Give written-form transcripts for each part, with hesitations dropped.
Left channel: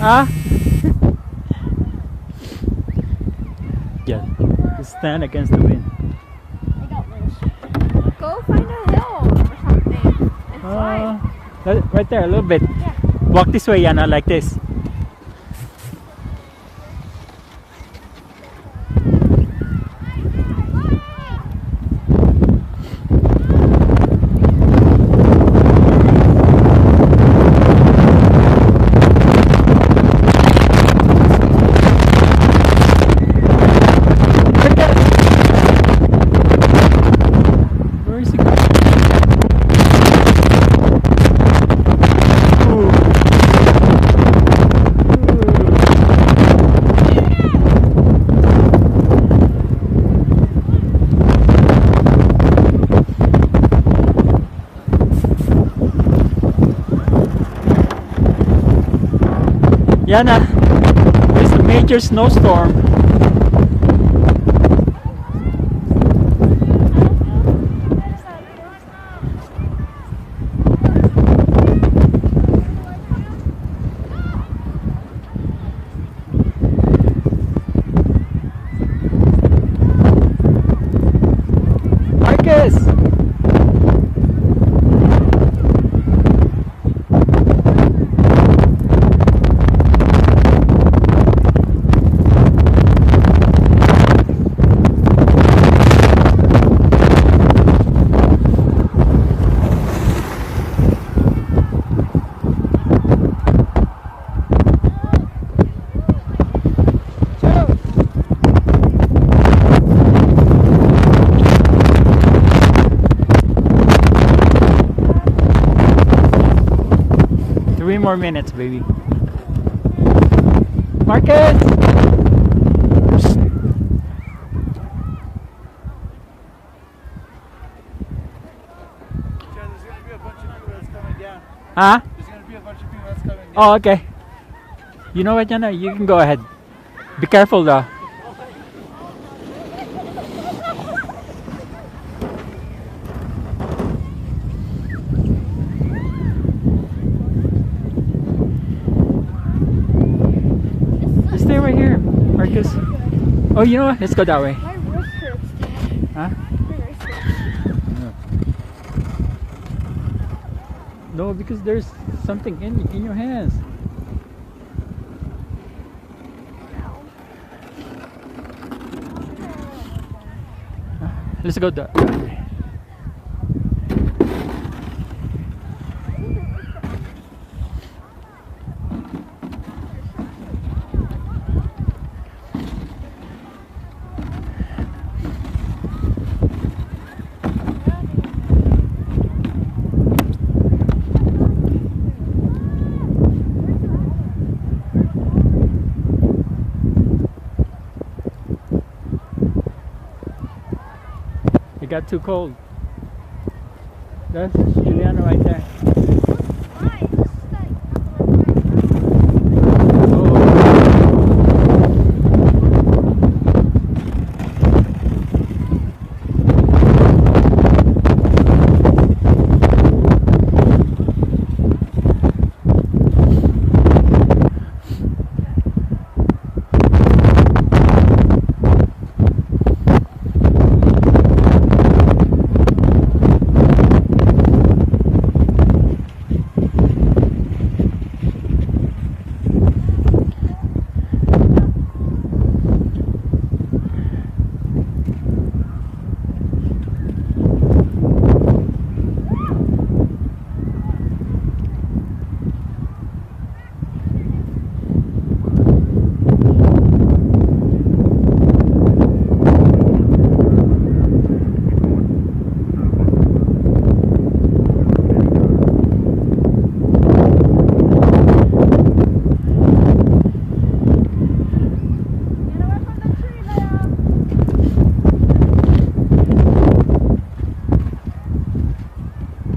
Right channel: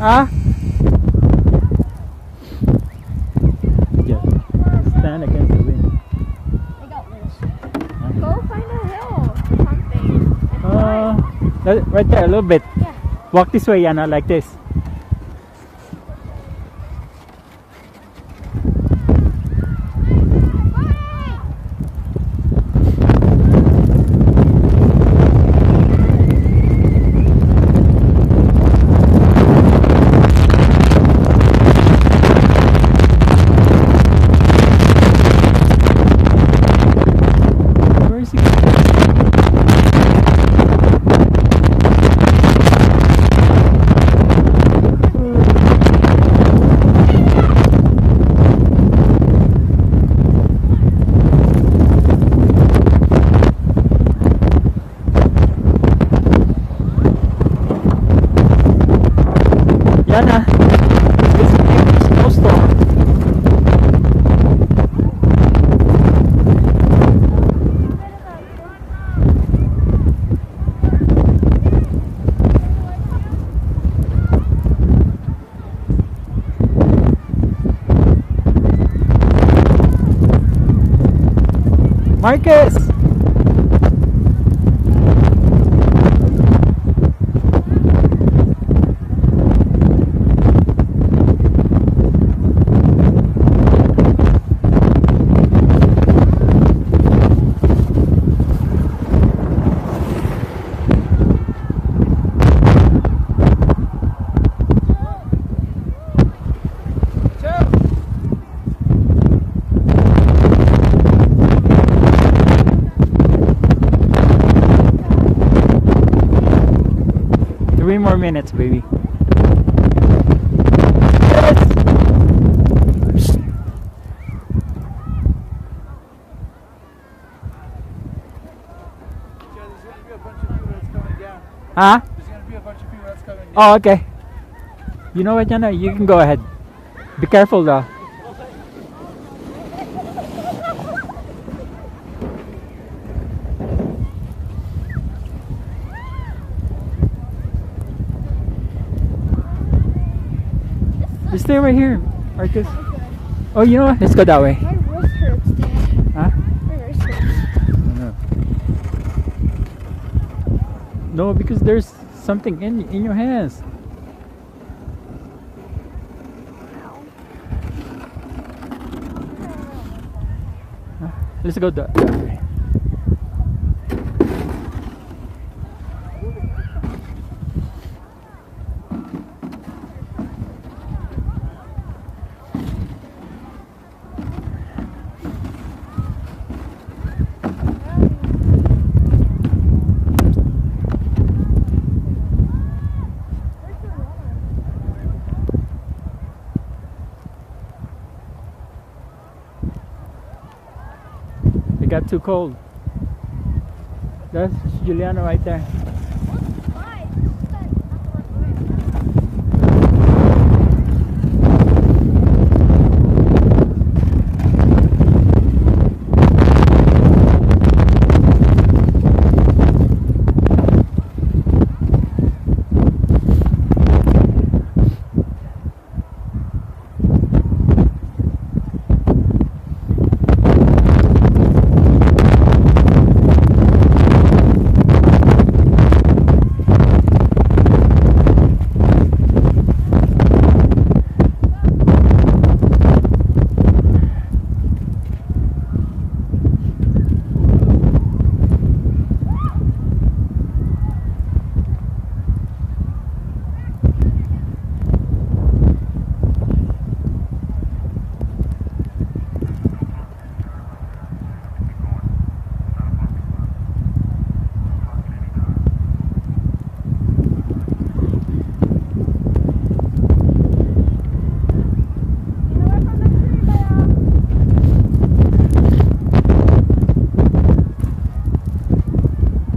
Ah? Yeah. Stand against the wind. I got this. Go find a hill. Right there, a little bit. Yeah. Walk this way, Yana, like this. Where is he? Yana, this is a major snowstorm. Marcus! Three more minutes, baby. Marcus! There's going to be a bunch of people that's coming down. Huh? There's going to be a bunch of people that's coming down. Oh, okay. You know what, Yana? You can go ahead. Be careful, though. Just stay right here, Marcus. Oh, you know what? Let's go that way. My wrist hurts, dude. Huh? My wrist hurts. No, because there's something in your hands. Let's go that way. It got too cold. That's Juliana right there. Why? This is not the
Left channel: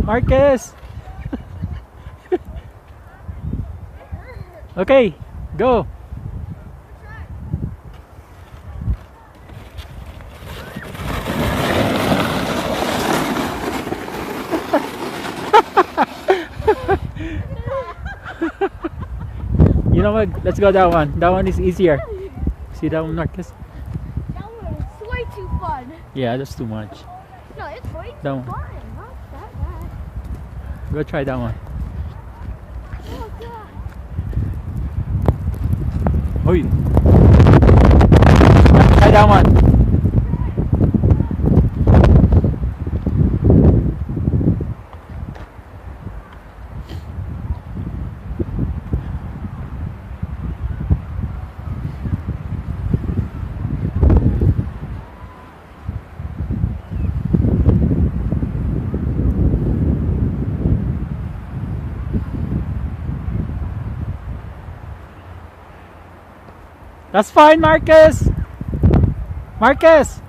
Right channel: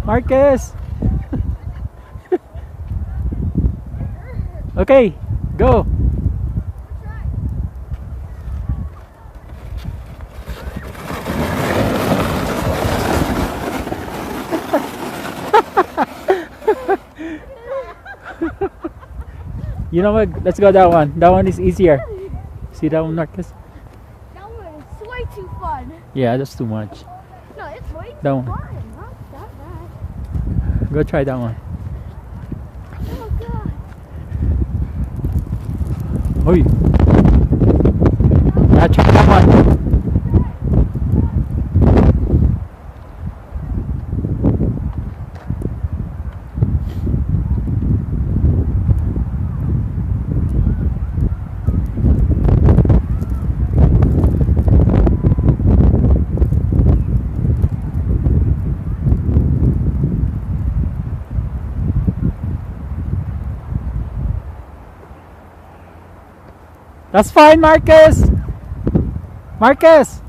Marcus! Okay, go! You know what? Let's go that one. That one is easier. See that one, Marcus? That one is way too fun. Yeah, that's too much. No, it's way too That one. fun. Not that bad. Go try that one. Oh, God. Oi. Now try that one. That's fine, Marcus. Marcus.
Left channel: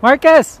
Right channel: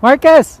Marcus.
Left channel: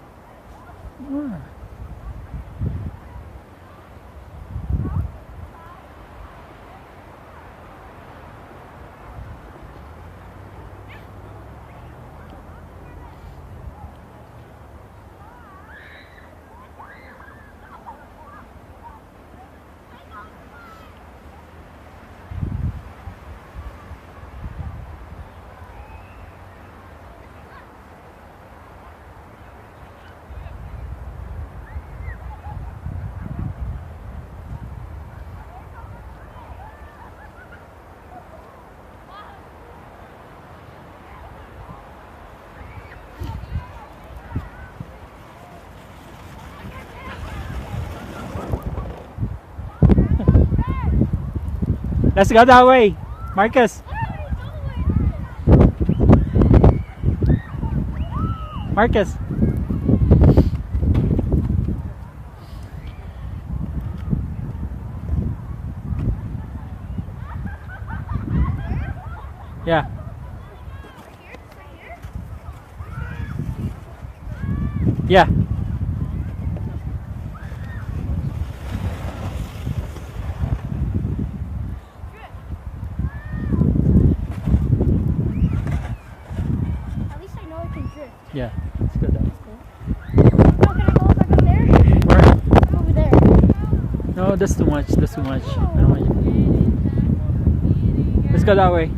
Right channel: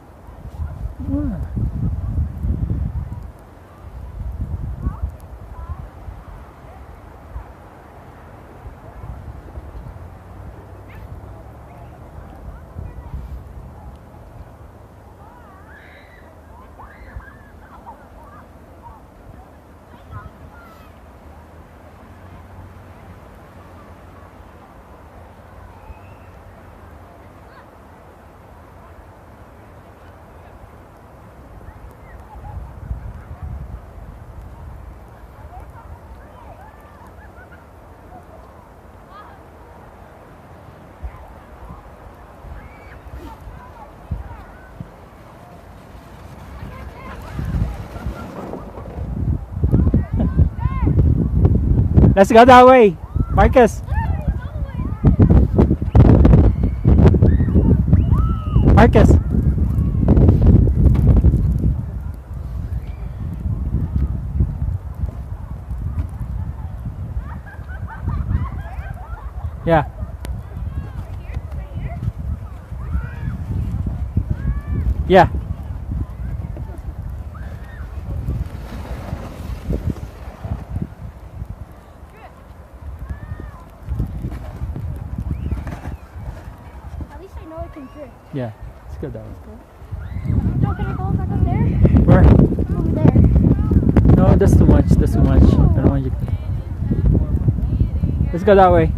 Let's go that way, Marcus. Marcus. Yeah. Yeah. At least I know I can drift. Yeah. Let's go that way. No, can I go back up there? Where? Over there. No, that's too much. That's too much. I don't want you. Let's go that way.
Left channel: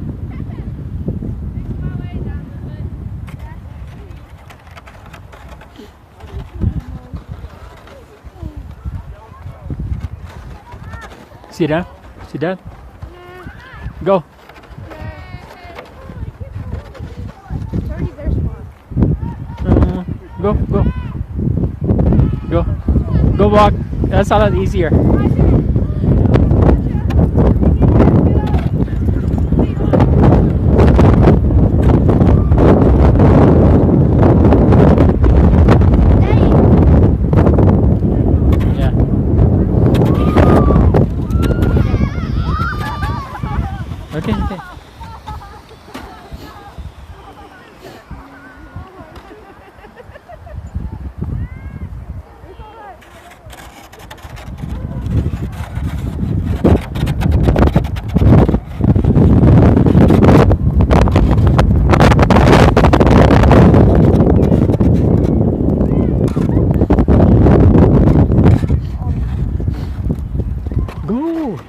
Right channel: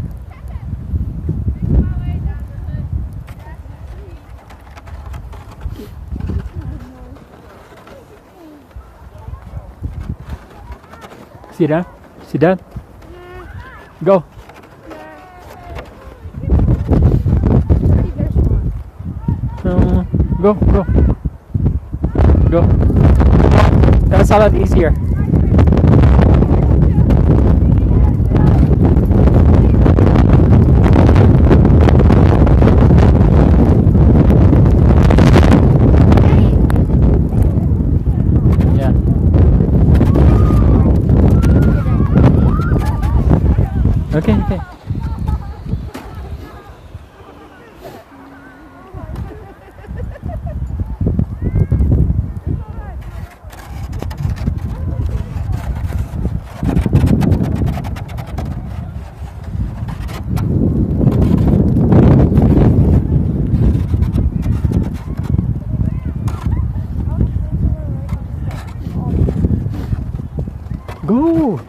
See that? See that? Go. Go, go. Go. Go walk. That's a lot easier. Yeah. Okay, okay. Go!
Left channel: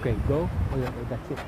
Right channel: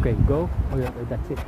Okay, go. Oh, yeah, that's it.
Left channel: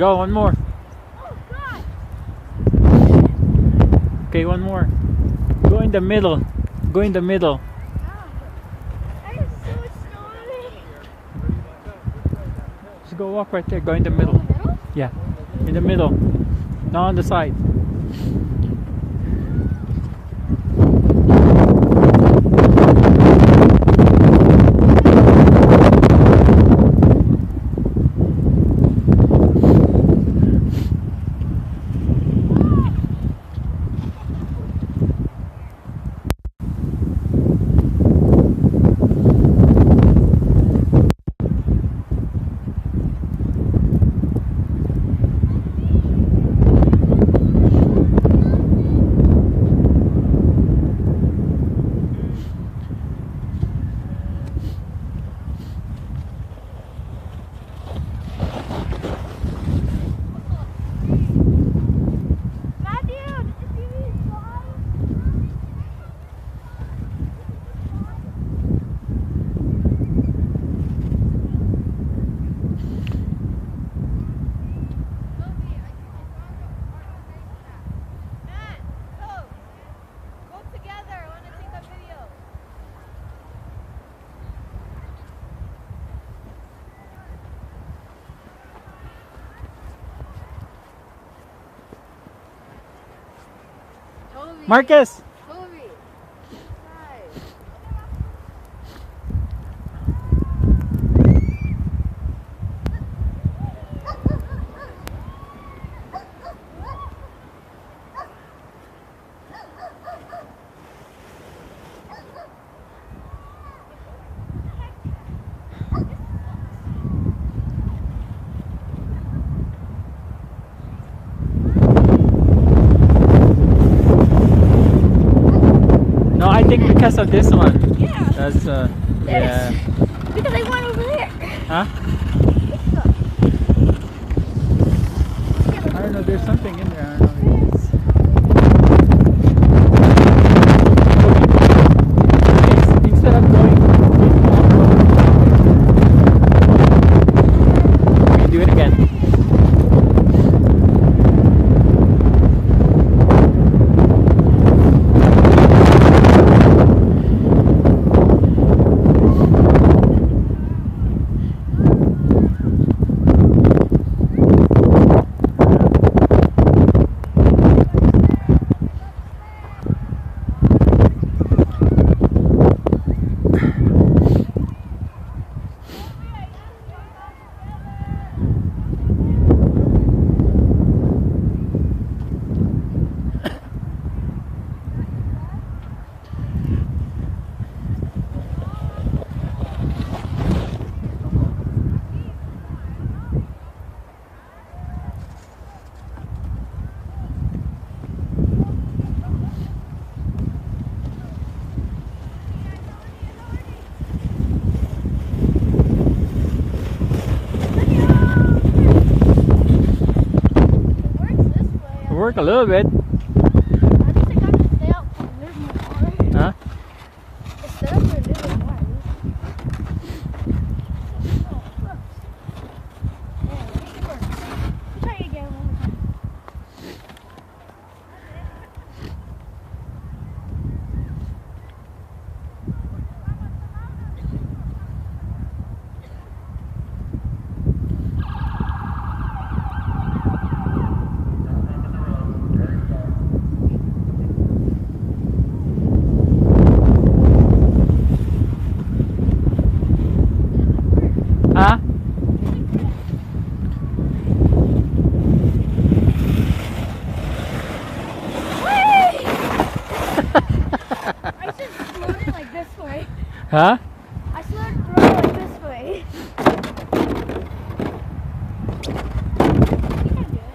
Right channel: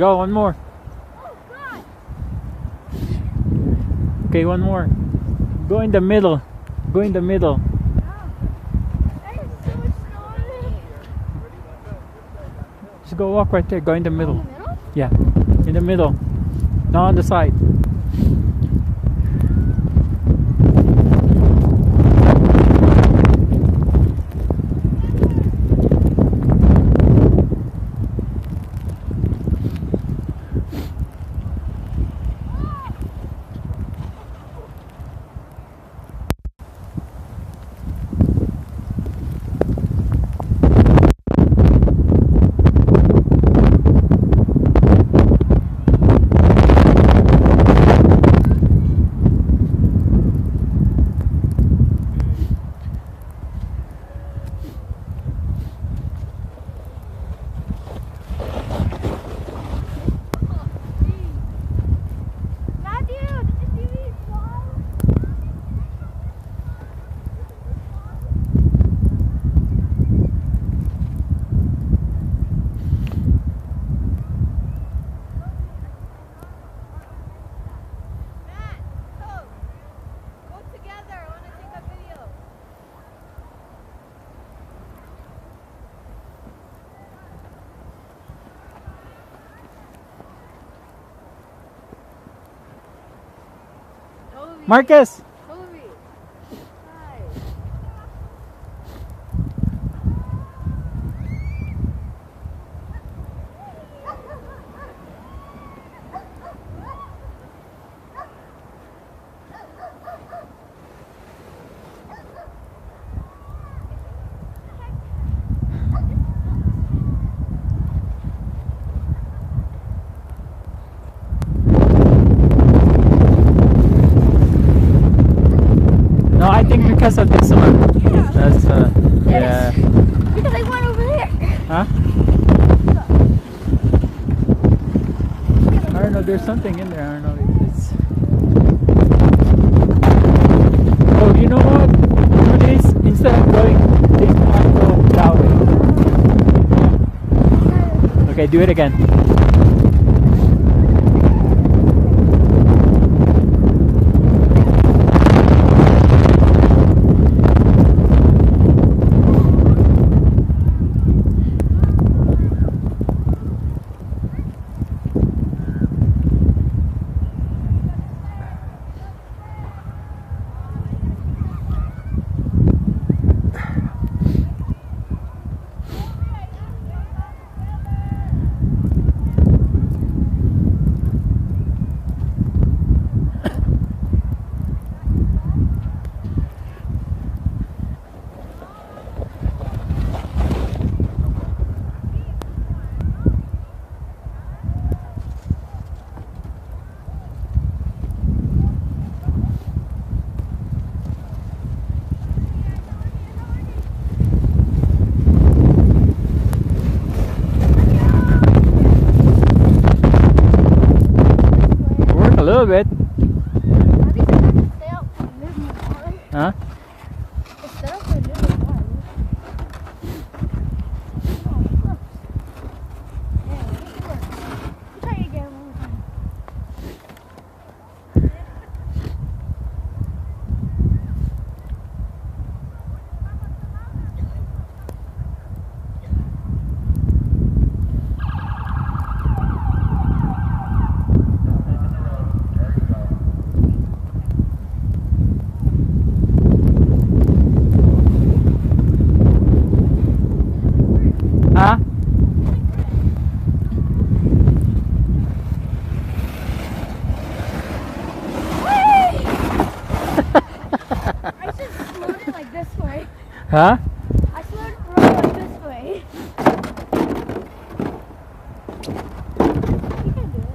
Go, one more. Oh God! Okay, one more. Go in the middle. Go in the middle. I have so much snow on me. Just go walk right there. Go in the middle. In the middle? Yeah, in the middle. Not on the side. Marcus! No, I think because of this one. Yeah. That's yeah. Because I went over there. Huh? I don't know. There's something in there. I don't know what it is. Oh, you know what? At least instead of going down. Okay, do it again. A little bit. I think they have to stay out for a little more. Huh? Stay out for a little more. Oh, look. Yeah, make it work. Try it again one more time. Huh? I just slowed it like this way. Huh? I slowed it like this way. You can do it.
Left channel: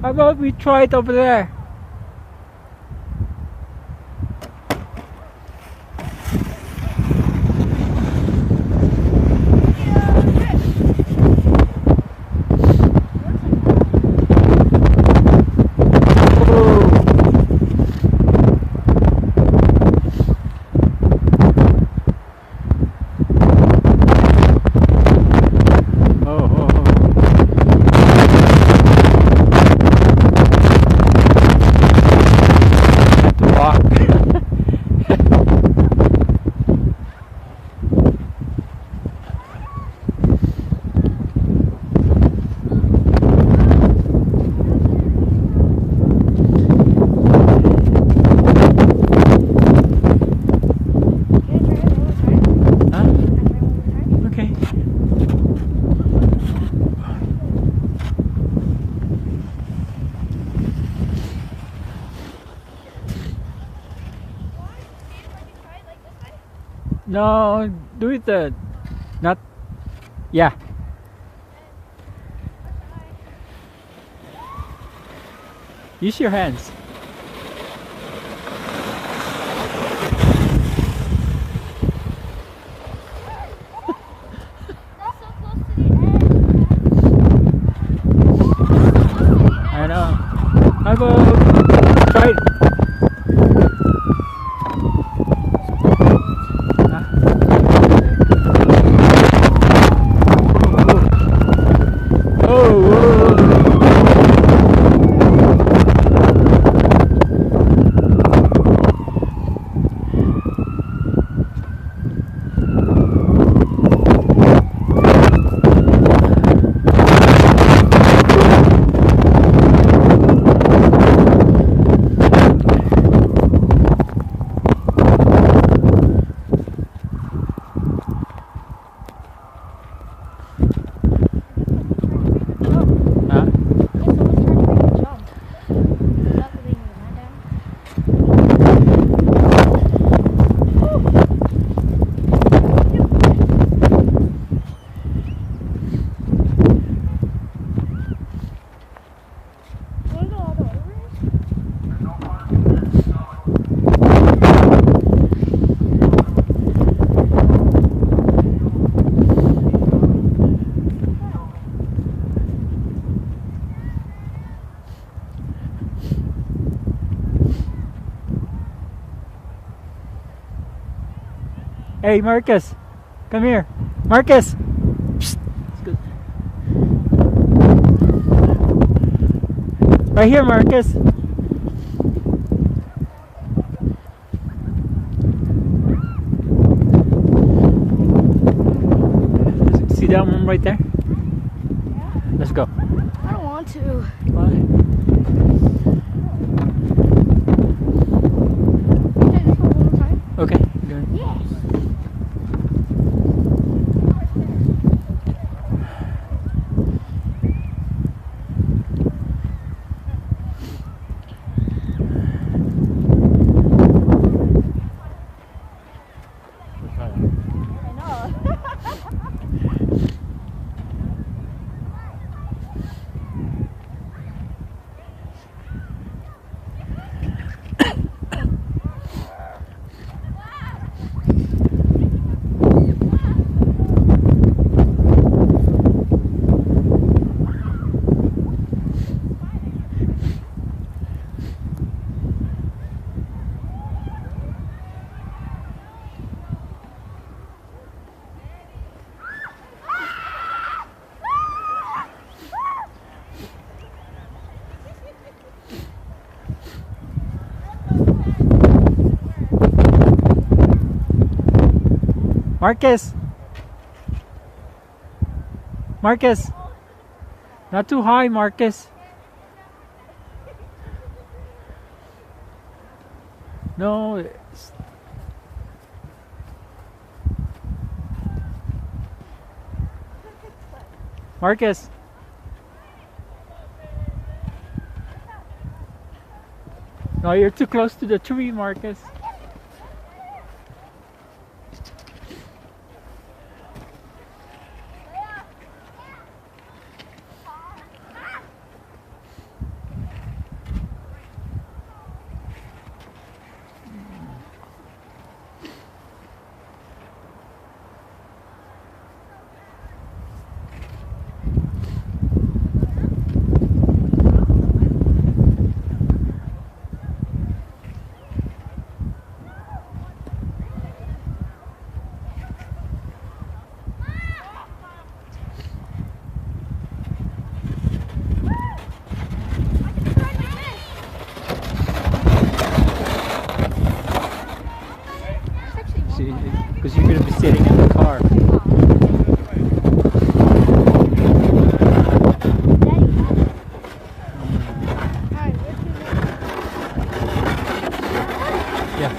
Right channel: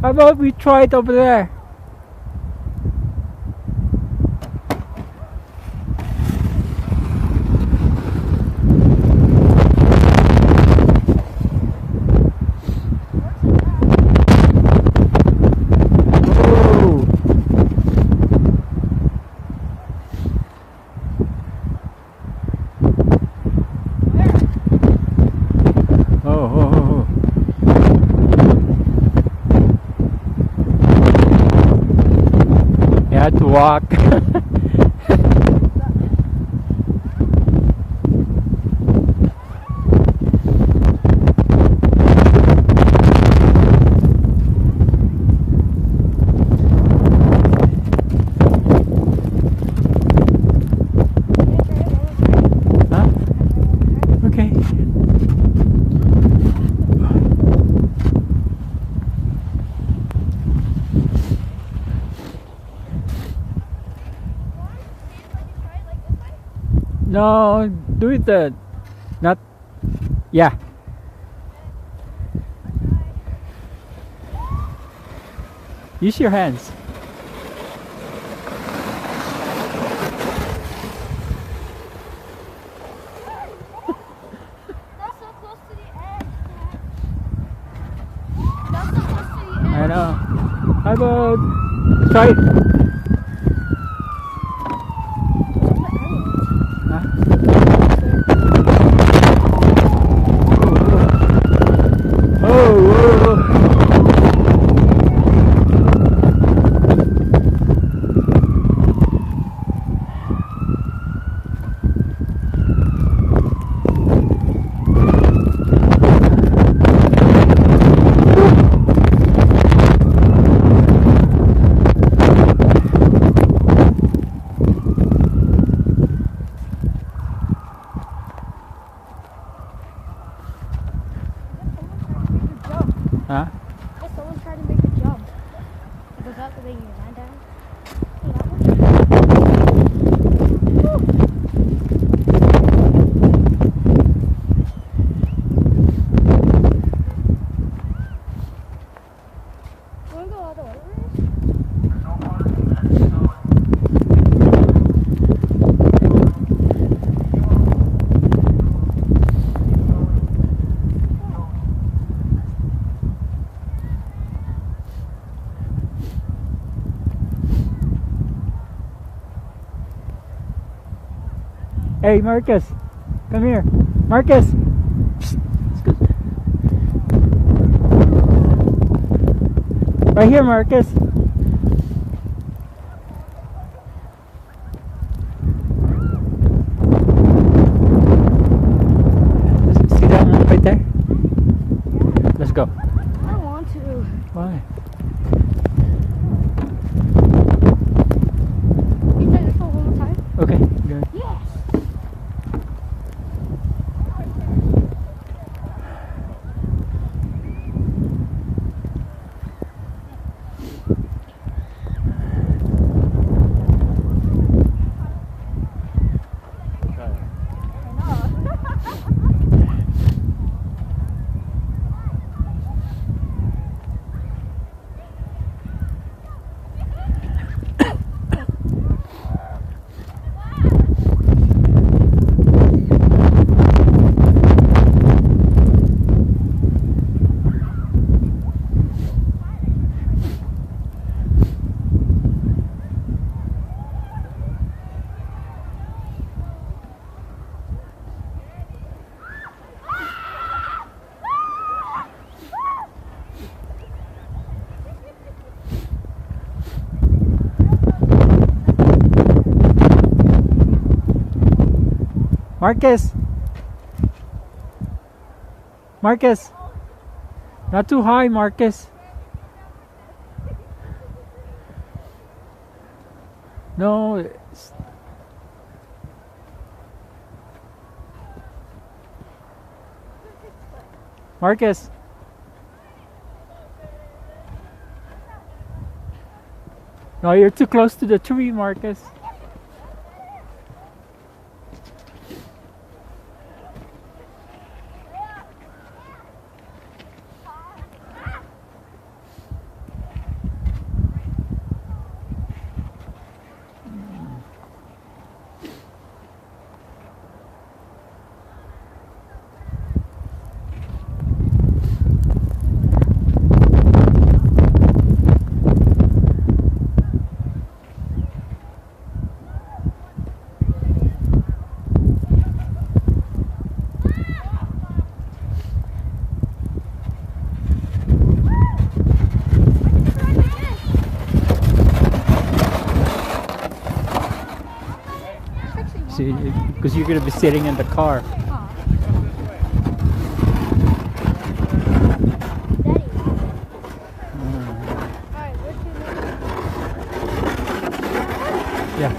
How about we try it over there? Walk. Huh? Okay. No, do it not, yeah. Use your hands. That's so close to the edge. That's so close to the edge. I know. How about try it? Hey Marcus, come here. Marcus! Psst. Right here, Marcus. See that one right there? Let's go. I don't want to. Why? Okay, let's go one more time. Okay, good. Yes. Marcus! Marcus! Not too high, Marcus. No. Marcus! No, you're too close to the tree, Marcus. because you're gonna be sitting in the car. Daddy. Mm. Alright, what's your name? Yeah.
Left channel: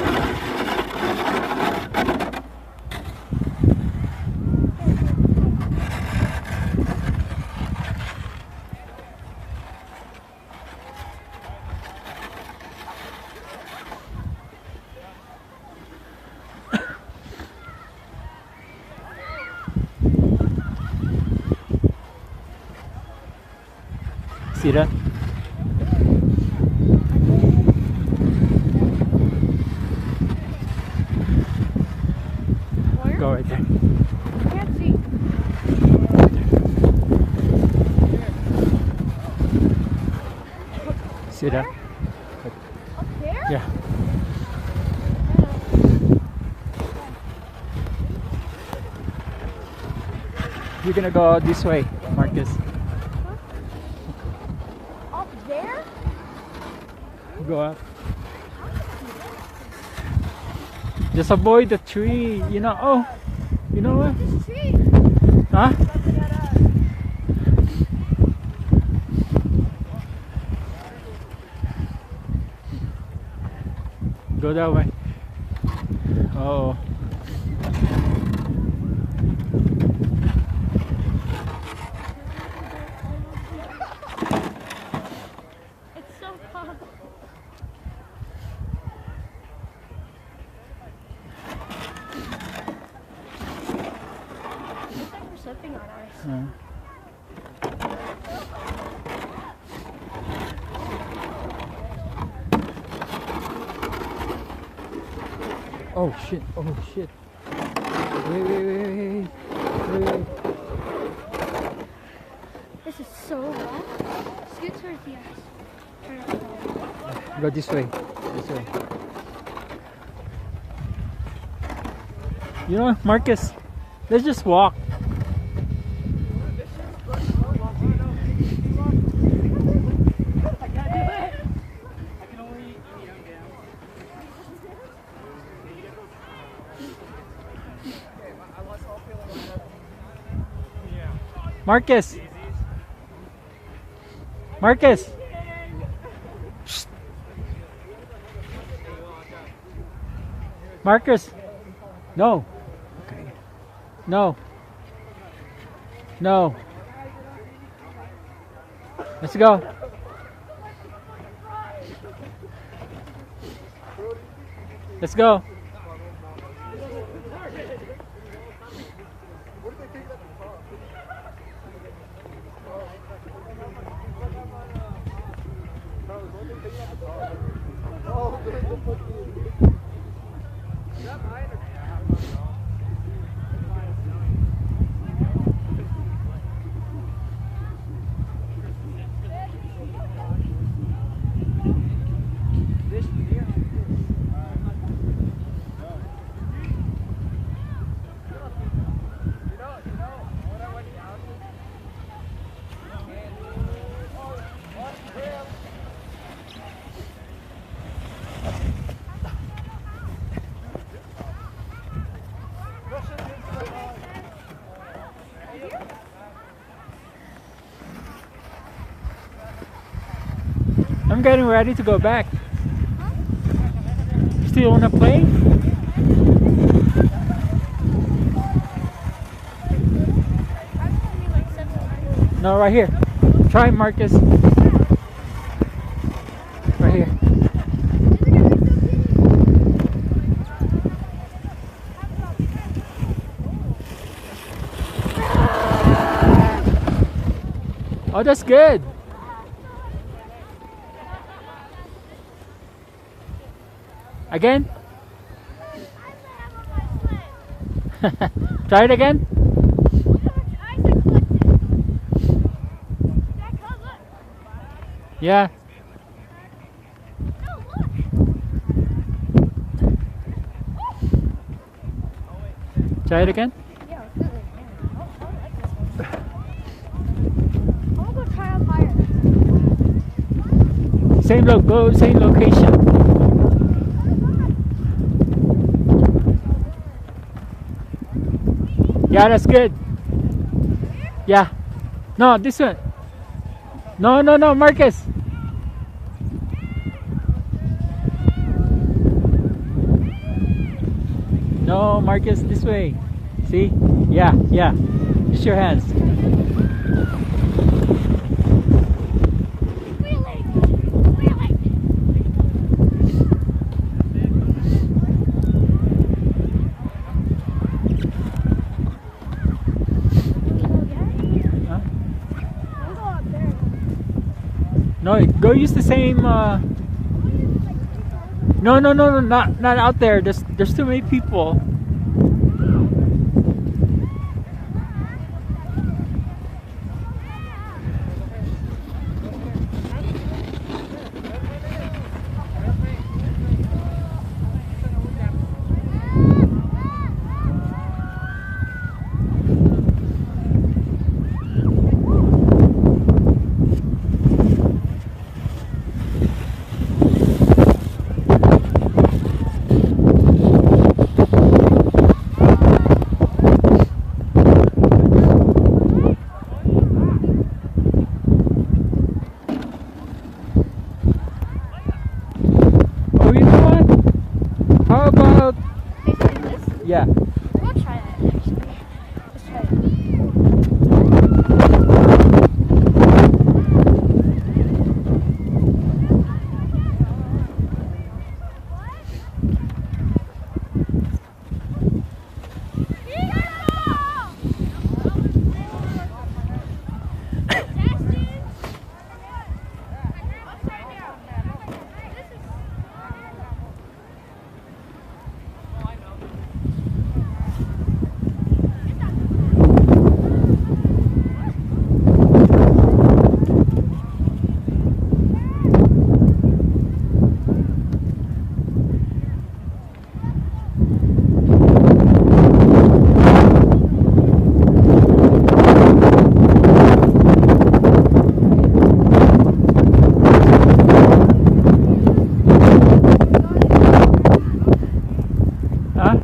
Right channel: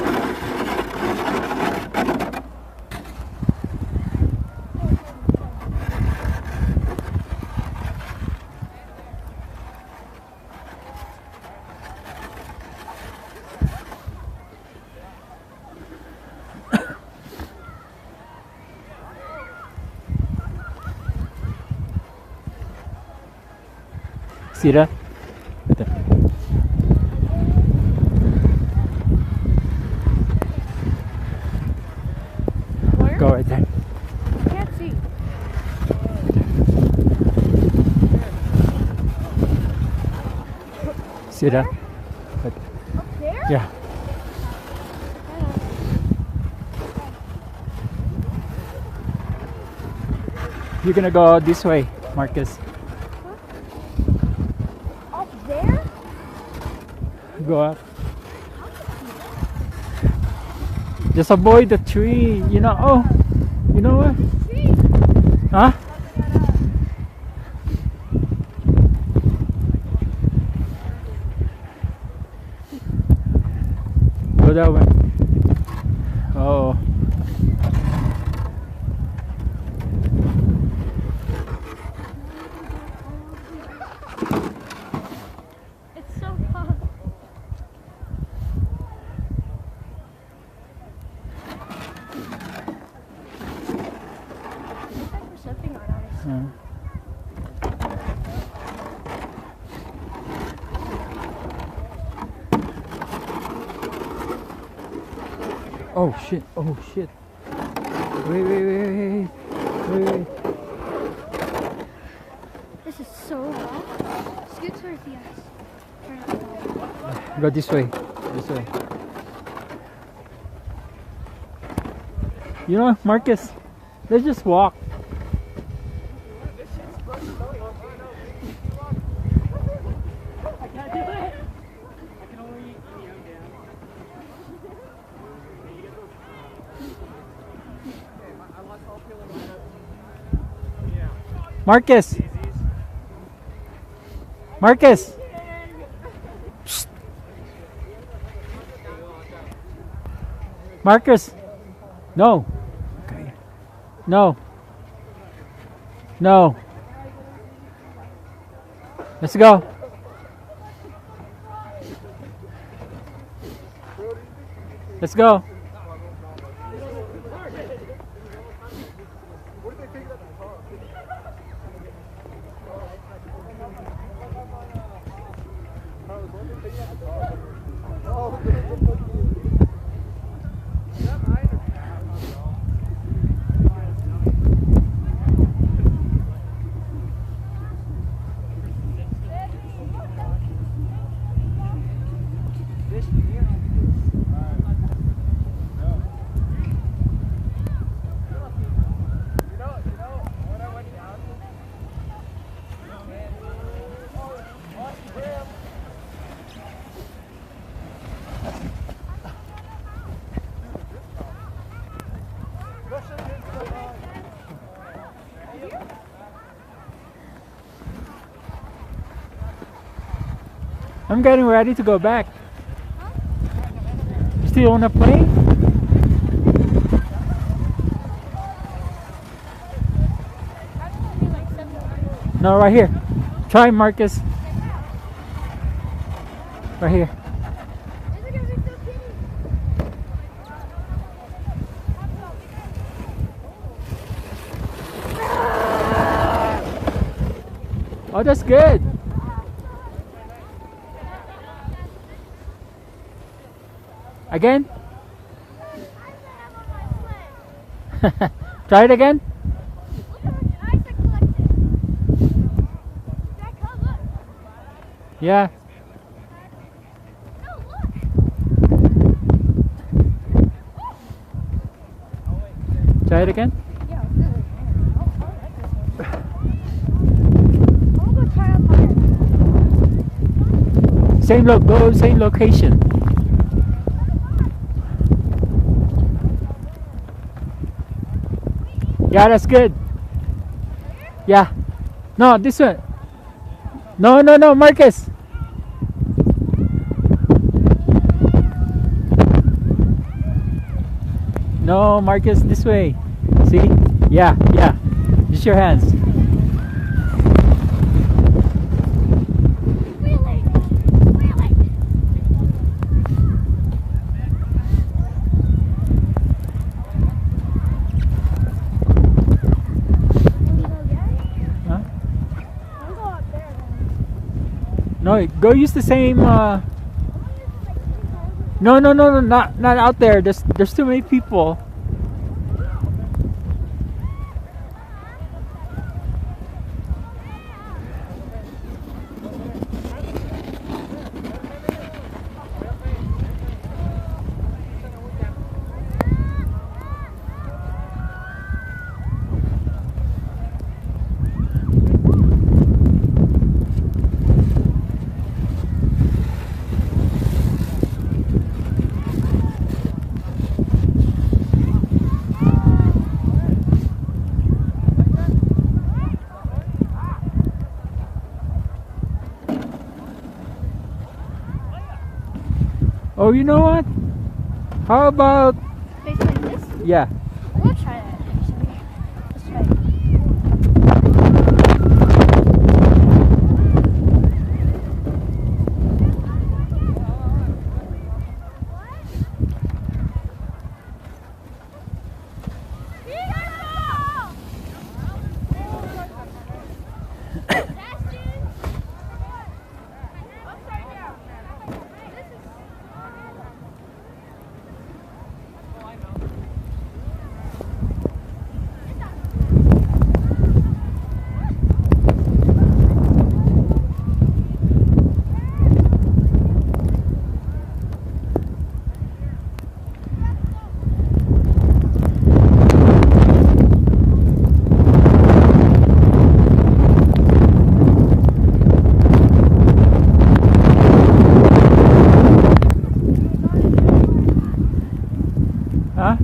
See that? Where? Go right there. I can't see. See that? Up there? Yeah. You're gonna go this way, Marcus. Up there? Go up. Just avoid the tree. You know. Oh, you know what? Tree. Huh? Go that way. Oh. It's so hot. Looks like we're slipping on ice. Oh shit. Oh shit. Wait. This is so long. Scoot towards the ice. Go this way. This way. You know, Marcus, let's just walk. Marcus. Marcus. Shh. Marcus. No. No. No. Let's go. Let's go. I'm getting ready to go back. You still wanna play? No, right here. Try Marcus. Right here. Oh, that's good. Again? Try it again? Yeah. Try it again? Yeah, I'll do it again. I like this one. I'll go try up higher. Same location. Yeah, that's good. Yeah. No, this one. No, no, no, Marcus. No, Marcus, this way. See? Yeah, yeah. Use your hands. Wheeling! Wheeling! Huh? I'll go up there. No, go use the same. I'm gonna use it like 3 times. No, no, no, no, not out there. There's too many people. Oh, you know what? How about Like this? yeah? I'm gonna try it. Let's try it. Huh?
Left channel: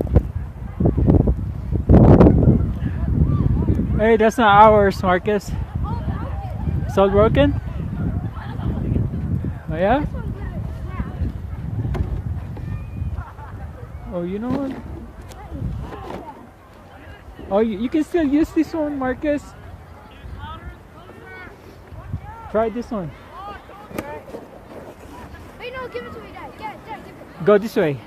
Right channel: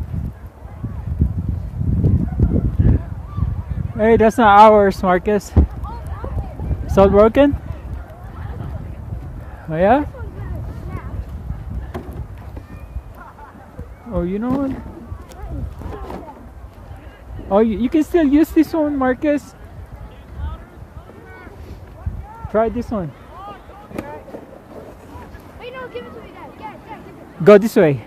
Hey, that's not ours, Marcus. Oh, broken. It's all broken? Oh, yeah? This one's gonna snap. Oh, you know what? Oh, you can still use this one, Marcus. Try this one. Wait, no, give it to me, Dad. Dad, give it. Go this way.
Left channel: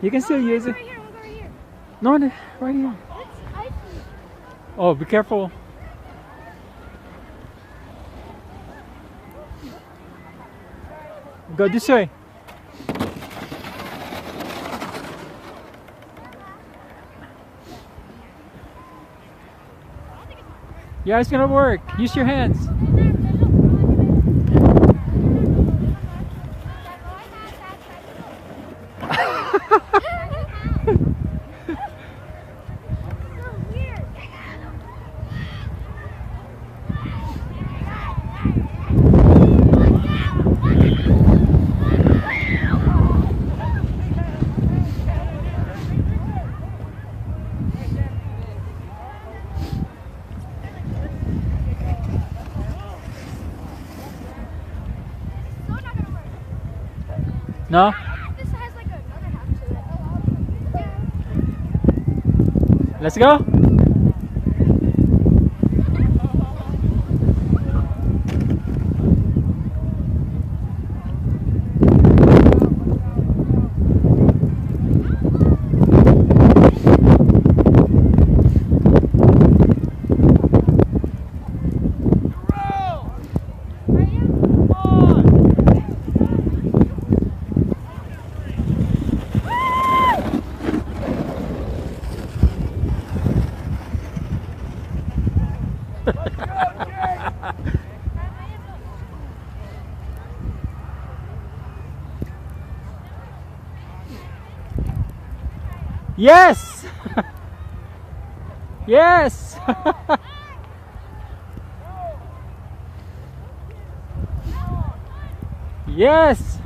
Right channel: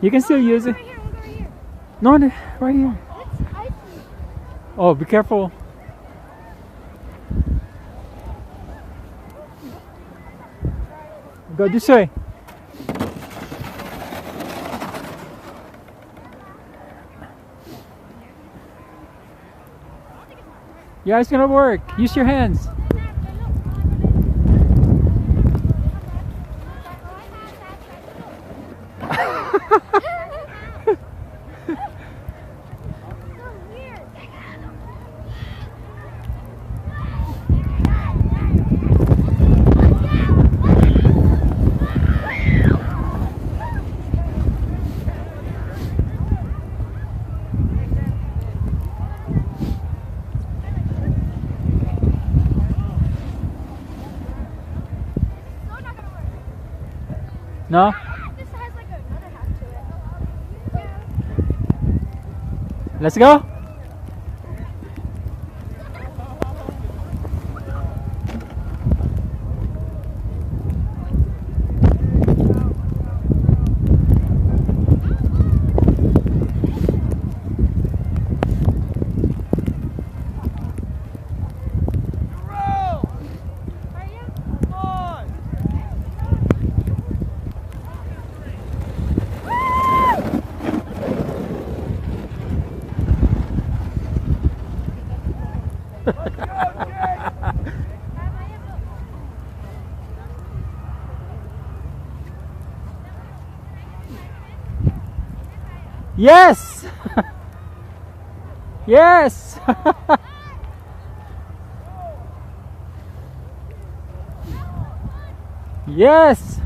You can still use it. Right here, right here. No, no, right here. It's icy. Oh, be careful. Go this way. Yeah, it's gonna work. Use your hands. So weird. So not gonna work. No? I think this has like another half to it. Yeah. Let's go. Yes! Yes! Yes!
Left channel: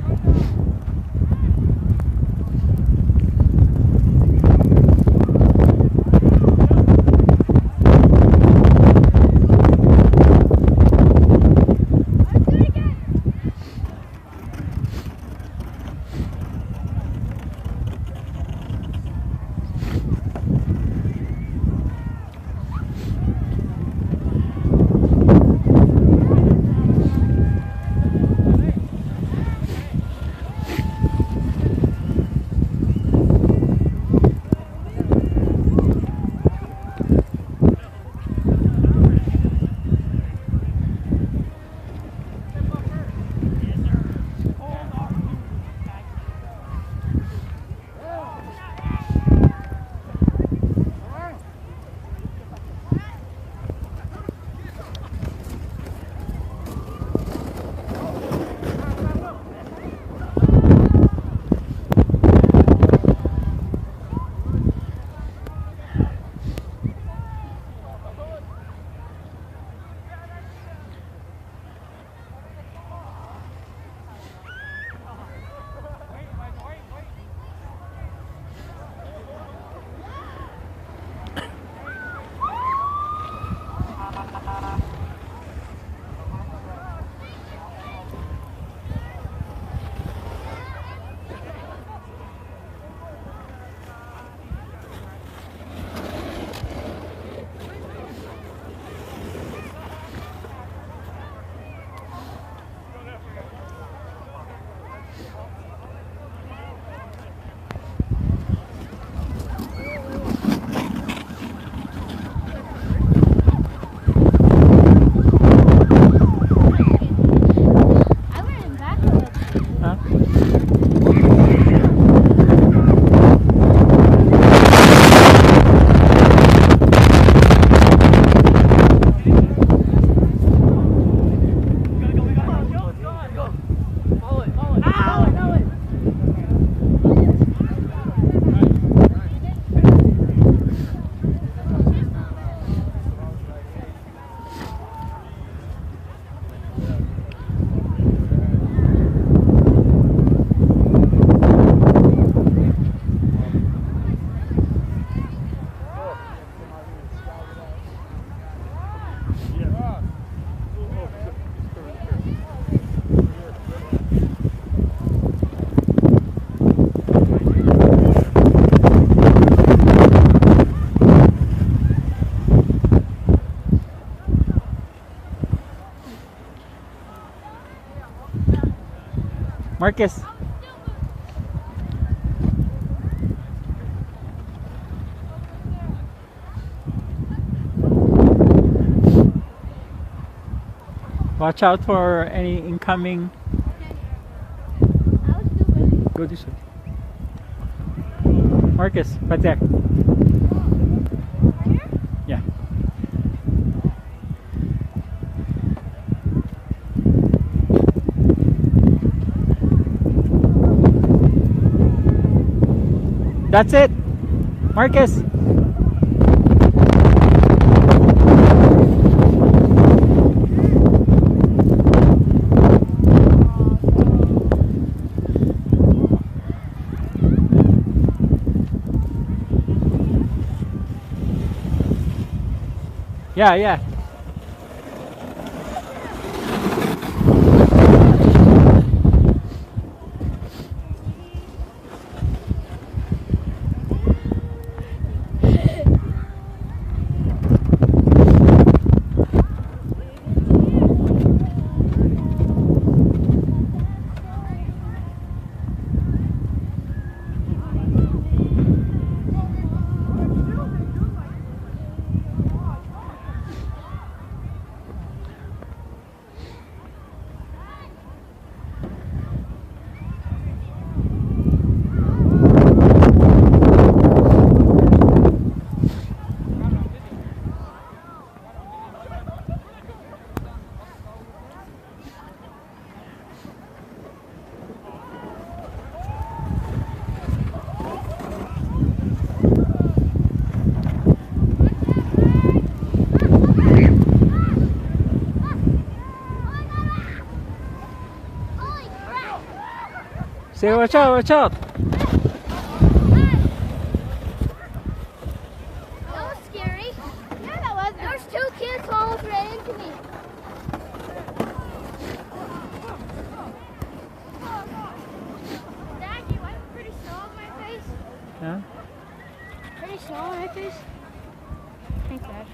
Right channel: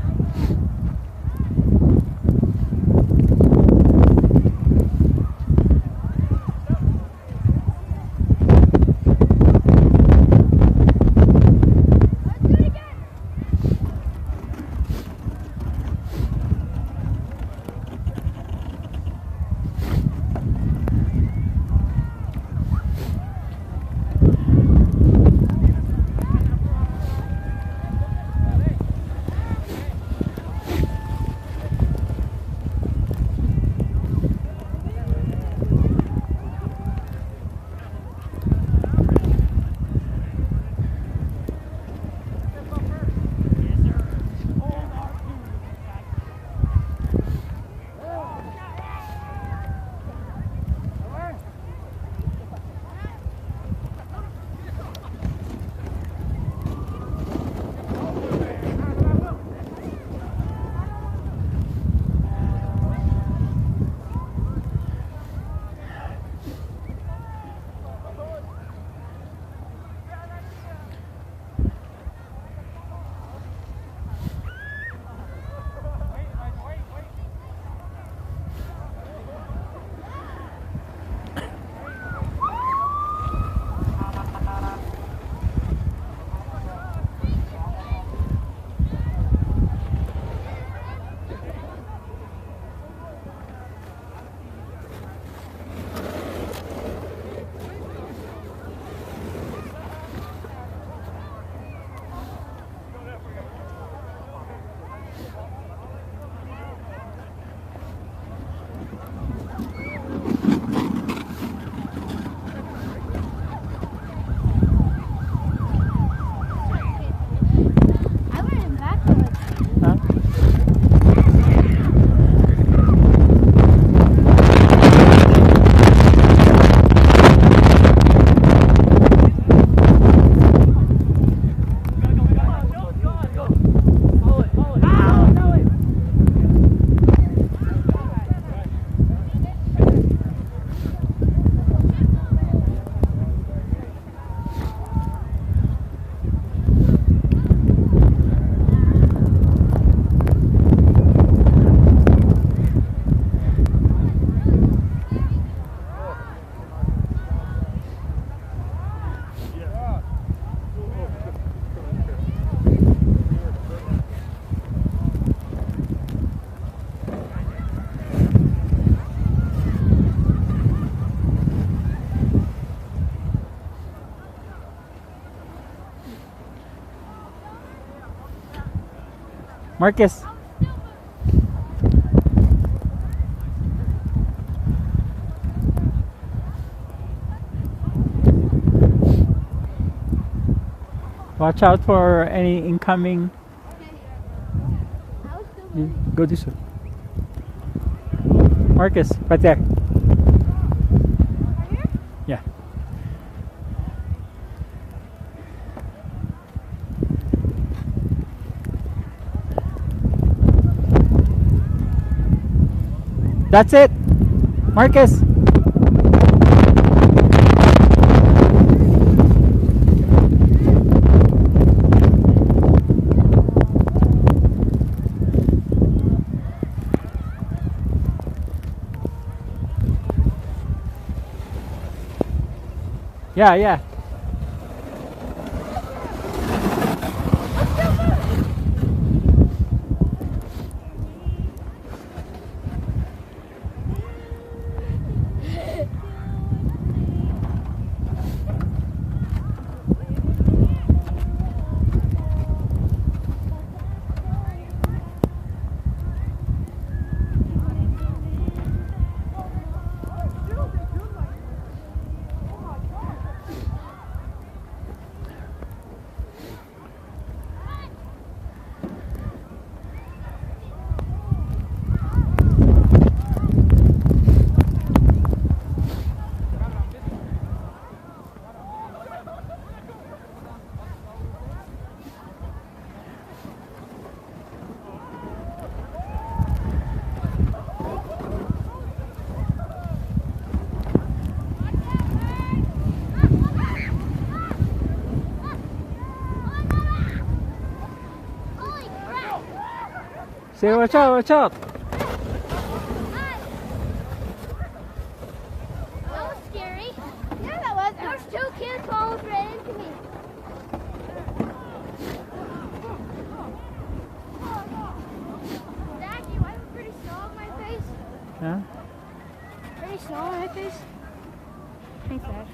Marcus. Watch out for any incoming. Go this way. Marcus, right there. Yeah. That's it. Marcus. Yeah, yeah. Say watch out, watch out. That was scary. Yeah, that was. There was 2 kids who almost ran into me. Jackie, why is it pretty snow on my face? Huh? Pretty snow on my face? Thanks, Dad.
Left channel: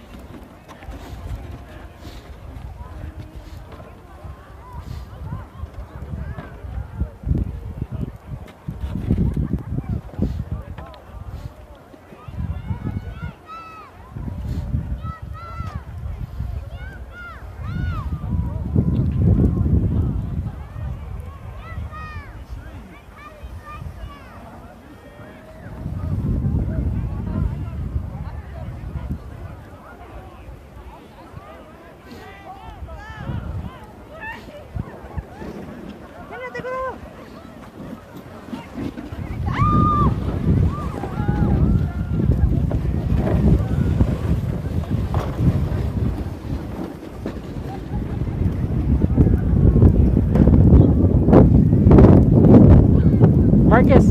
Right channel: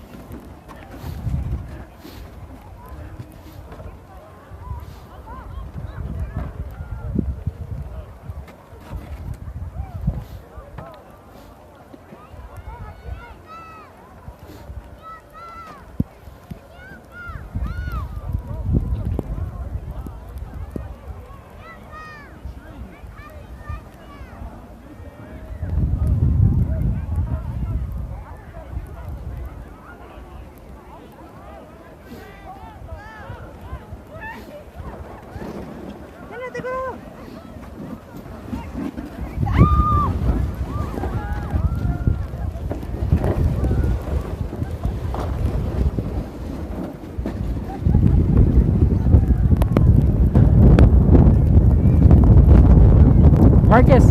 Marcus.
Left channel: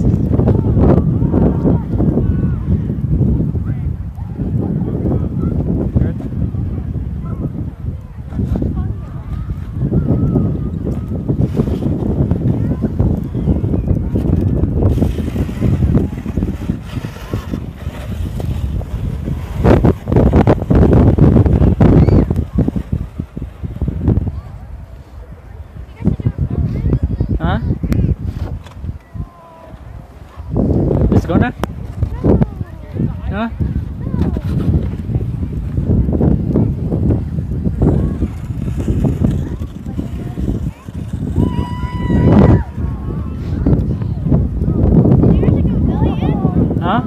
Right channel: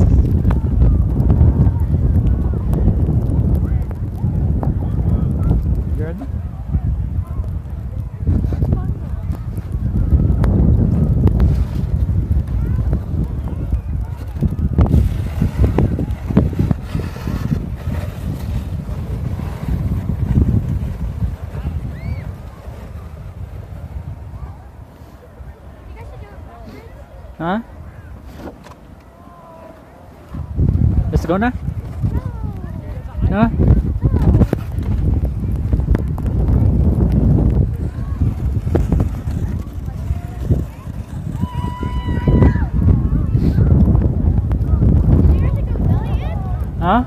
Good. Huh? Let's go now. No? Did you guys go belly in? Huh?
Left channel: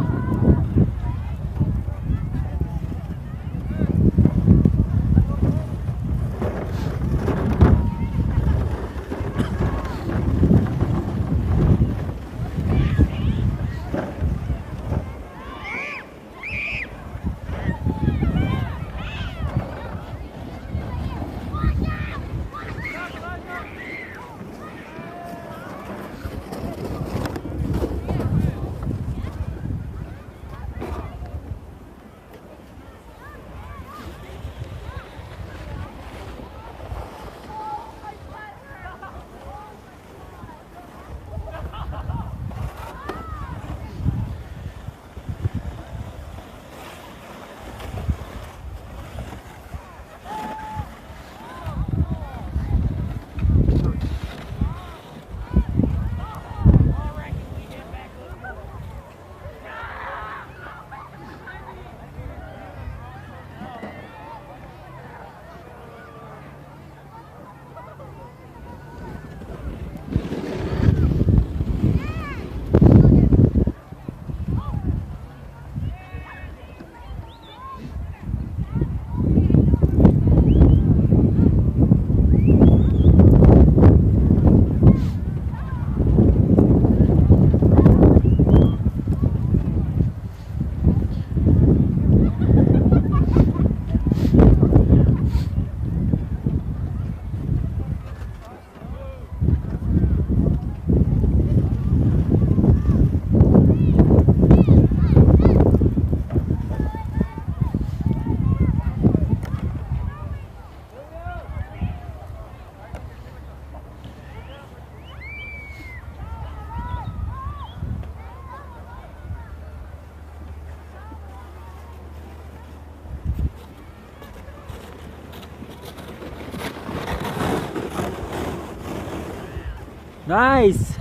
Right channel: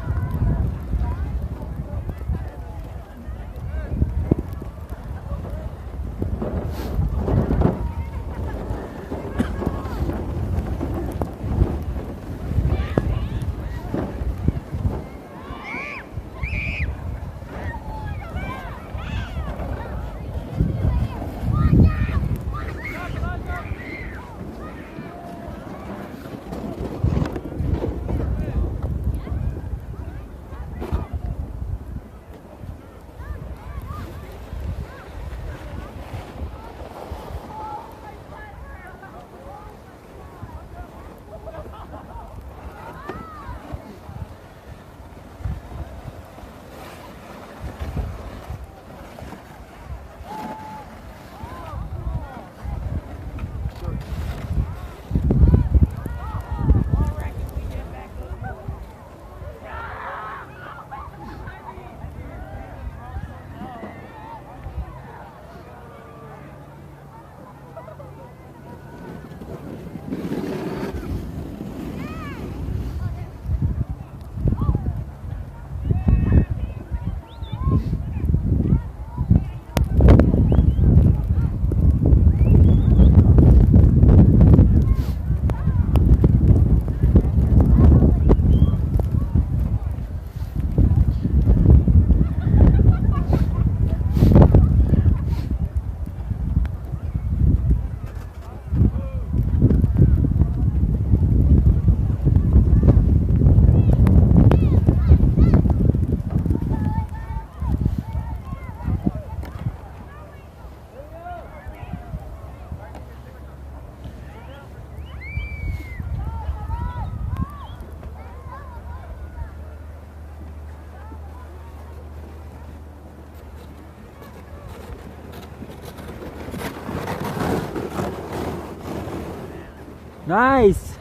Nice.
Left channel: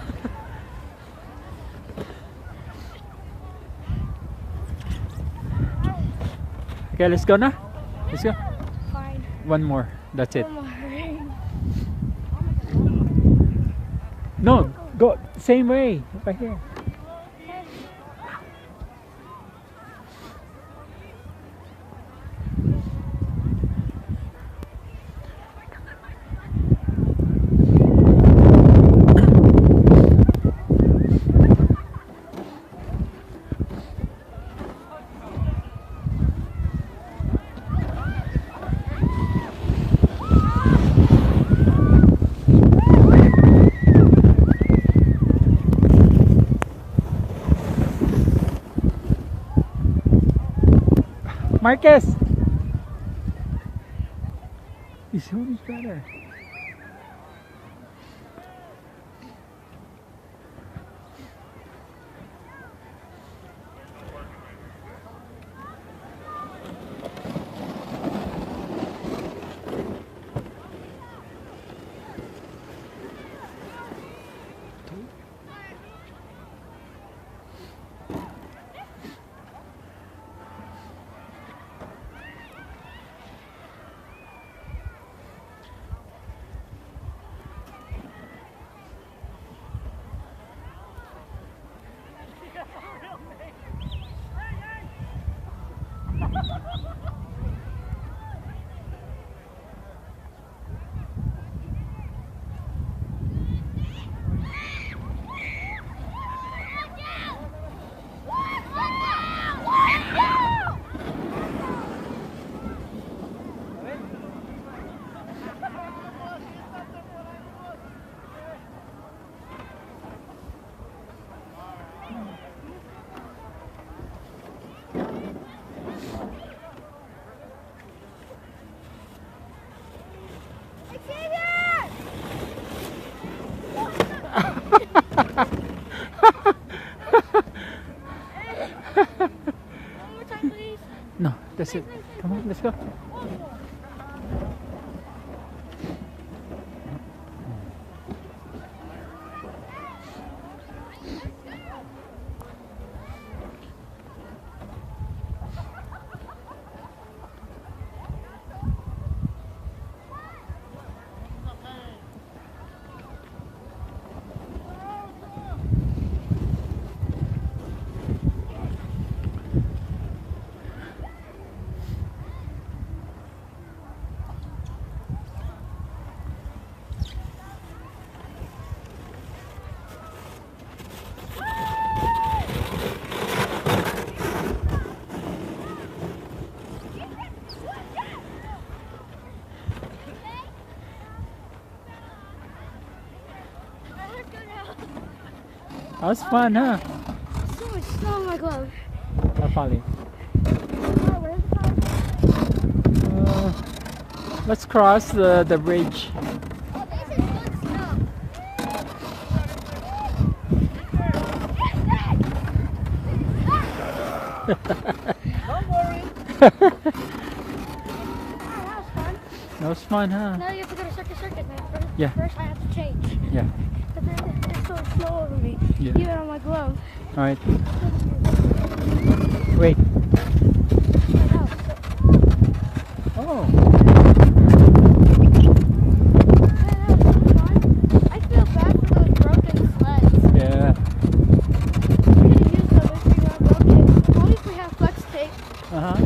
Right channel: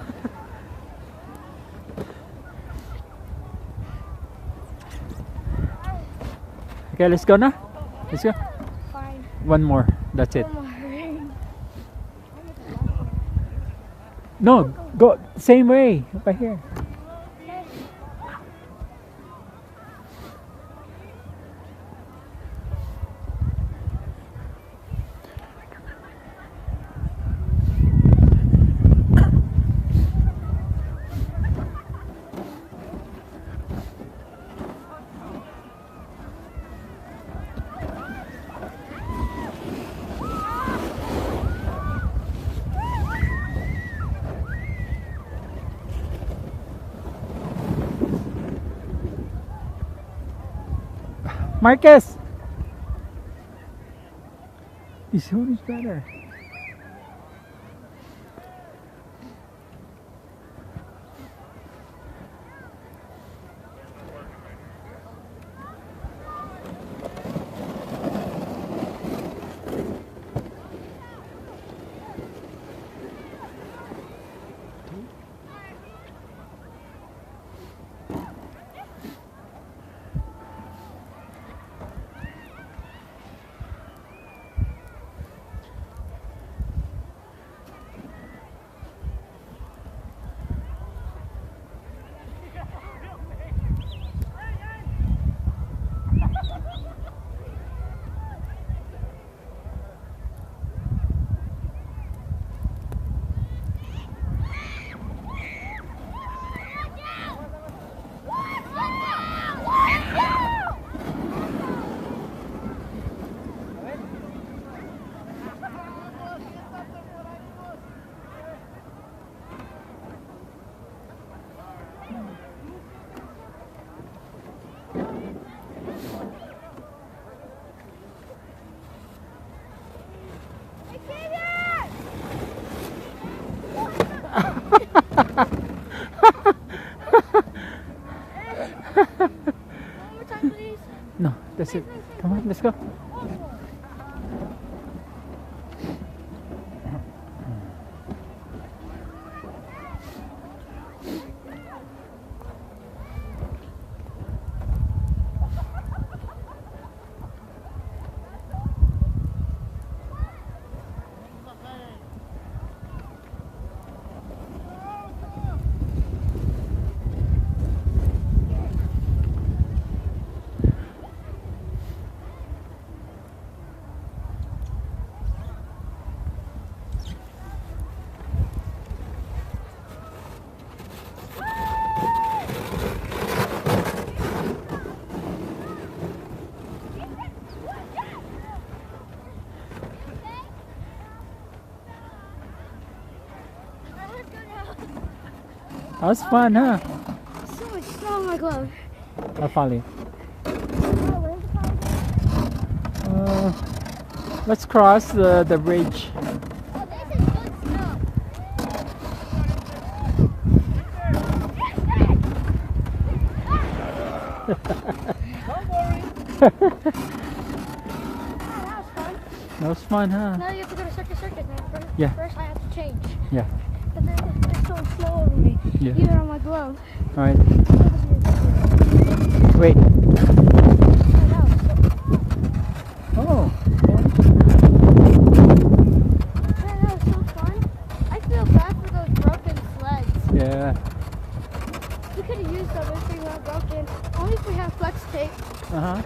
Okay, let's go now. Let's go. Fine. One more. That's it. One more. No, go same way. Over here. Marcus! His hood is better. One more time, please. No, that's it. Come on, let's go. One more. That was fun, huh? So much snow on my glove. I'll follow you. Where's the car? Let's cross the bridge. Oh, this is good snow. That was fun, huh? Now you have to go to circuit, man. Yeah. First I have to change. Yeah. But then it's so slow over me. Yeah. Even on my glove. All right. Wait. Oh. That was so fun. I feel bad for those broken sleds. Yeah. We could have used them if we weren't broken. Only if we have flex tape. Uh huh.